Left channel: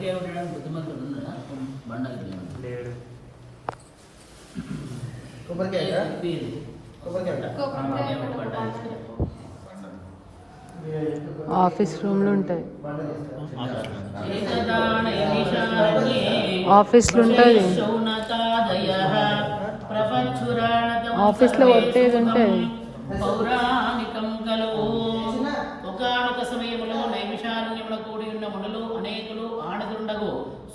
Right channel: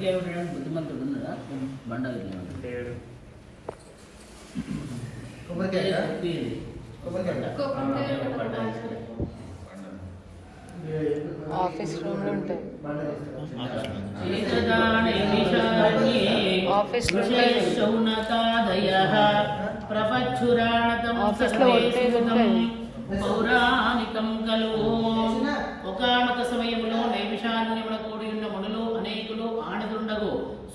కొబ్బరికాయ పెట్టడానికి బుద్ధిమంతుడు ఉందా బండలు లేడు కొబ్బరికాయ కొబ్బరికాయ ఆఫీస్ రూమ్లో ఉంటుంది ఆఫీస్ ఆఫీస్లో ఉంటాయి. ఆఫీస్లో వర్క్ ఏదంటే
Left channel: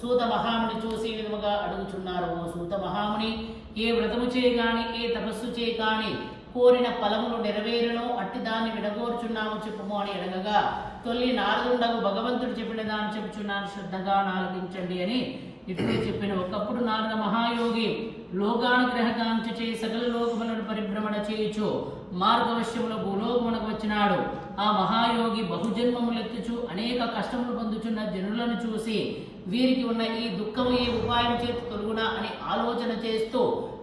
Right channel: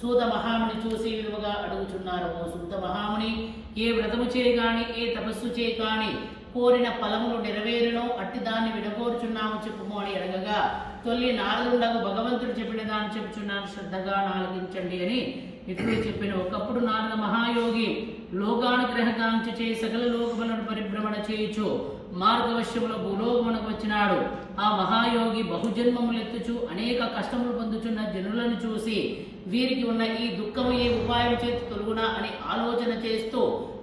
సూత మహాముని చూసి విలువగా అడుగుచున్నారు ఓ సూత మహాముని ఏ వ్రతము చేయగాని ఏ తపస్సు చేయగాని కోరిన ఫలములు నెరవేరును అట్టి దాన్ని విడగోర్చున్నాము చెప్పుము అని అడగగా తొల్లి నారదుండగు భగవంతుడు చెప్పిన దాన్ని చెప్పుచున్నాను శ్రద్ధగా నాలకించండి అని ఇట్లు చెప్పిన ఒకప్పుడు నారద లోకానుగ్రహకాంక్ష చే సకల లోకములను పరిభ్రమణ చేయుచు మార్గవశ్యములో భూలోకమునకు వచ్చినాడు. ఆ మహాయోగి బహుజన్మములెత్తుచు అనేక కష్టములు పొందుచున్న జనులను చూసి వీరికి ఉన్న ఈ దుఃఖము ఏ ఉపాయం చేతి తొలుగునా అని ఆలోచన చేస్తూ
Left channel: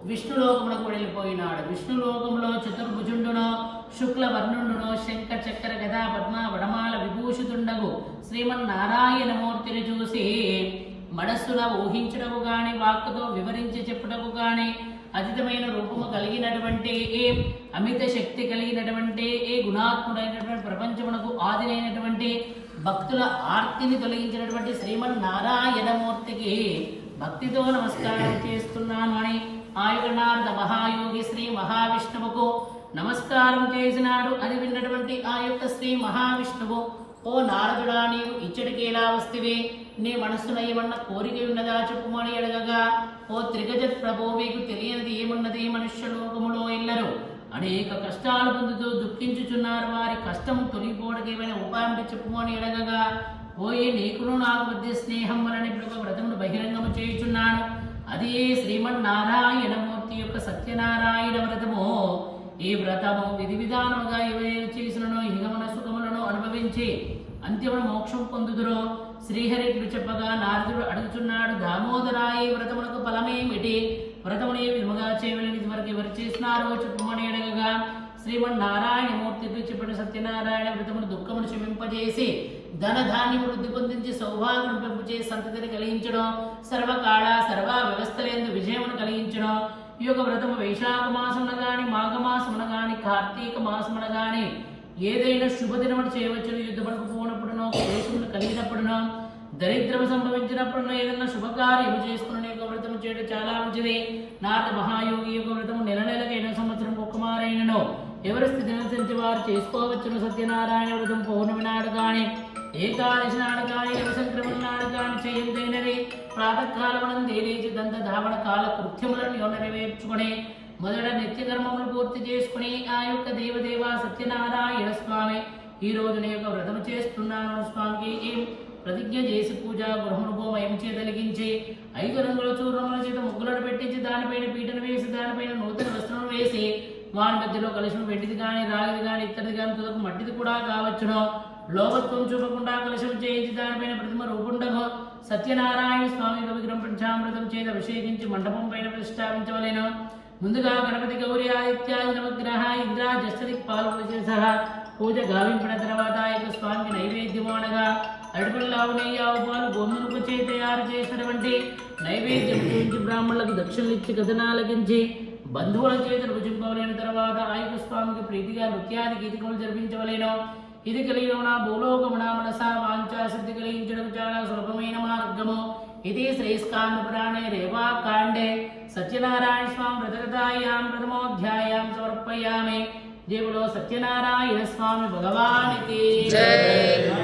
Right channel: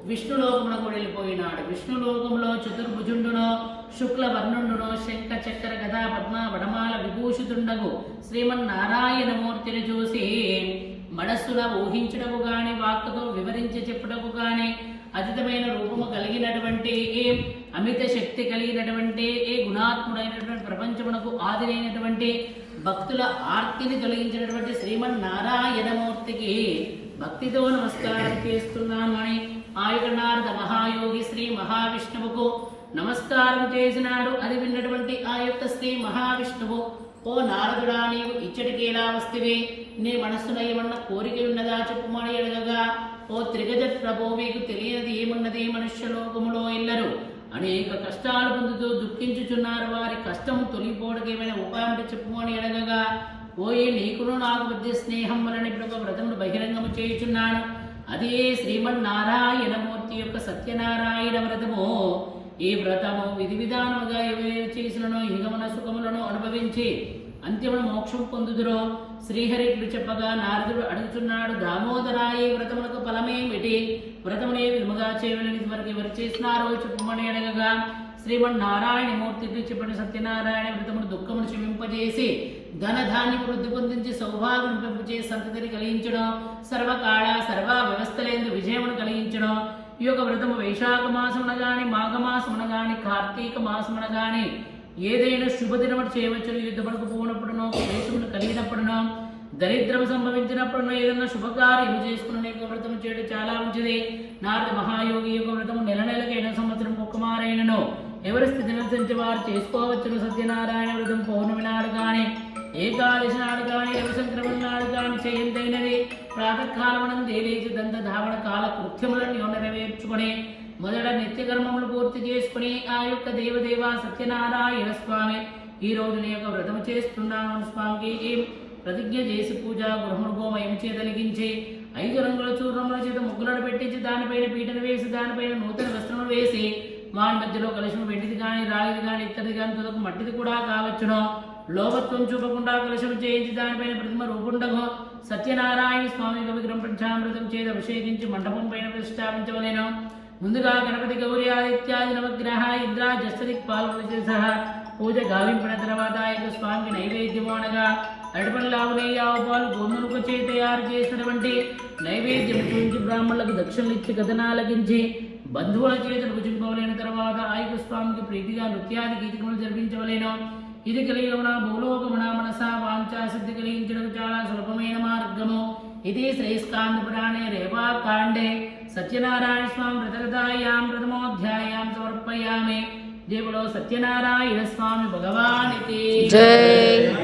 విష్ణులోకమునకు వెళ్ళిపోయినాడు. విష్ణులోకములో చతుర్భుజుండును శుక్లవర్ణుండును శంఖ చక్ర గదా పద్మ వడమాల విభూషితుండగు శ్రీమన్నారాయణమూర్తిని చూసి మనస్సున ఊహించుటకు గాని వాక్కుతో వివరించి చెప్పుటకు గాని అతీతమైన రూపము కలిగినటువంటి ఏ అమిత శక్తి కలిగినటువంటి ఏ గుణాత్ముడైనటువంటి ప్రపంచమునకు ఆదిరైనటువంటి భక్తుల ఆర్తిని కలిగించినటువంటి శ్రీమన్ నారాయణమూర్తికి భక్తితో నమస్కారం చేస్తున్నామని ఆయుగనాథ మహాయోగి శ్రీ మహావిష్ణువుకు నమస్కారం చేసినాడు అని విన్నటువంటి ఆ యొక్క శ్రీ మహావిష్ణువు. ఓ నారదుడా నీవు ఇచ్చటికేలా వస్తువే వస్తివి నీ మనస్సున ఏమన్నా కోరిక ఉన్నదా చెప్పుమని అడగగా. ఓ త్రిగజ ప్రభో మీకు తెలియనిది ఏమున్నది మనుష్య లోకములో ఎల్లరు? అనేక కష్టాలు పొందుతూ దుఃఖించుచున్నారు వారి కష్టము తొలిపోవడానికి ఏమైనా ఉపాయం చెప్పుమని అడగగా. ఓయే నీకును నాకు మధ్య స్నేహం వలన ఇప్పుడు వ్రతమును బహిరంగము చేయుచున్నాను. అదే శ్రీమన్నారాయణమూర్తి యొక్క సత్యనారాయణ వ్రతము. ఈ వ్రతము విధి విధానముగా ఎవరు చేసినను అనుభవించి అంతిమ మోక్షం పొందుదురో. శ్రీహరికి చెప్పగా నారదుడు అడుగుచున్నాడు దామోదరాయి వ్రతములకు ఫలమేమిటి? వ్రతమునే విలువగా చేయని వరకు ఎవరు చేసినారో చెప్పమని అడగగా శ్రీమన్నారాయణమూర్తికి చెప్పిన సత్యనారాయణ వ్రతమును దుఃఖమును క్షమింపజేసి ధన ధాన్యం వృద్ధి పొందించి సౌభాగ్యం పెంపుచే సంతతిని కలిగించడం సర్వకాళ సర్వ వ్యవస్థలేందు విజయమును కలిగించడం. ఈ యొక్క వ్రతము వైశాఖ మాసమున గాని మాఘమాసమున గాని కార్తీక మాసమున గాని ఏదైనా శుభదినముడు చేయవచ్చును. యుద్ధపడకు పోనప్పుడునో దేశములు కలిగినప్పుడునో దరిద్రము సంభవించినప్పుడునో ఏదైనా శుభకార్యము చేసుకునే యొక్క వ్రతము చేయడం చాలా మంచిది. నారద మహాయోగి యొక్క వ్రతము నెల నెలకైన సంవత్సరం ఒక్కమారైనను ఎవరి స్థితిని అనుసరించి వారు చేసుకోవచ్చును. సత్యనారాయణ వ్రతం పౌర్ణమి నాడు కానీ ఏకాదశి నాడు కానీ రవిశంక్రమణ నాడు కానీ చేయదైనది ప్రాతకాలమునందు లేచి దంత ధావణ కాల కృత్యములను నెరవేర్చుకుని మొదట నిత్యకర్మములు పూర్తి చేసుకుని ఆ యొక్క దేవదేవ సత్యనారాయణ స్వామి ఈ రోజు నీ యొక్క వ్రతము చేస్తున్నాను స్వామికి. ఏం ప్రతిజ్ఞ చేసి పూజ గృహముభోమ ఏం చేతలిగించి ఐదు రంగుల చూర్ణముల చేత ముగ్గులను పెట్టించి దానిపైన పీటను వేసి దానిపైన నూతన వస్త్రములు వేసి వాని మధ్యలో కలశం వెండిది కానీ రాగిది కానీ ఇత్తడిది కానీ తుదకు మట్టిది కూడా కావచ్చును. లోకత్వం చూపకుండా కలశం చేయించి దానిపైన ప్రతిమ రూపుండము సత్యనారాయణ స్వామి విగ్రహం పంచామృతం చేత అభిషేకించి మండపం పైన ప్రతిష్టాపించవలేను. ముందుగా గణపతి గౌరి ఆదిత్యాది నవగ్రహ ఇంద్ర జస్తి పాల్గొన సహా పూజ గావింపిన తర్వాత ఆ యొక్క స్వామికి నైవేద్యం అనగా అరటిపల్లి ఆవు ఆవుపాలు ఆవు గోమునుకు చే తయారు చేసినటువంటి నైవేద్యం బ్రాహ్మణులకు దక్షిణలు ఇచ్చి కథనాలకించి బంధువుల చేత భుజింపవలేని తర్వాత ఆ స్వామికి ప్రీతిగా నృత్యాన్ని గీతకులు జరిపించవలేను. ఇది కలిగిన భూలోకమున మనసా వాంఛా సిద్ధి కలిగించడం చాలా సులభమైన మార్గము. ఇది శ్రేష్కాండ పురాణే రేవాకాండే. సత్యనారాయణ స్వామి వ్రతకథాయాం ప్రథమోధ్యాయాం సమర్పయామి. దేవులో సత్యనారాయణ స్వామి భగవానికి భగవానికి. జై.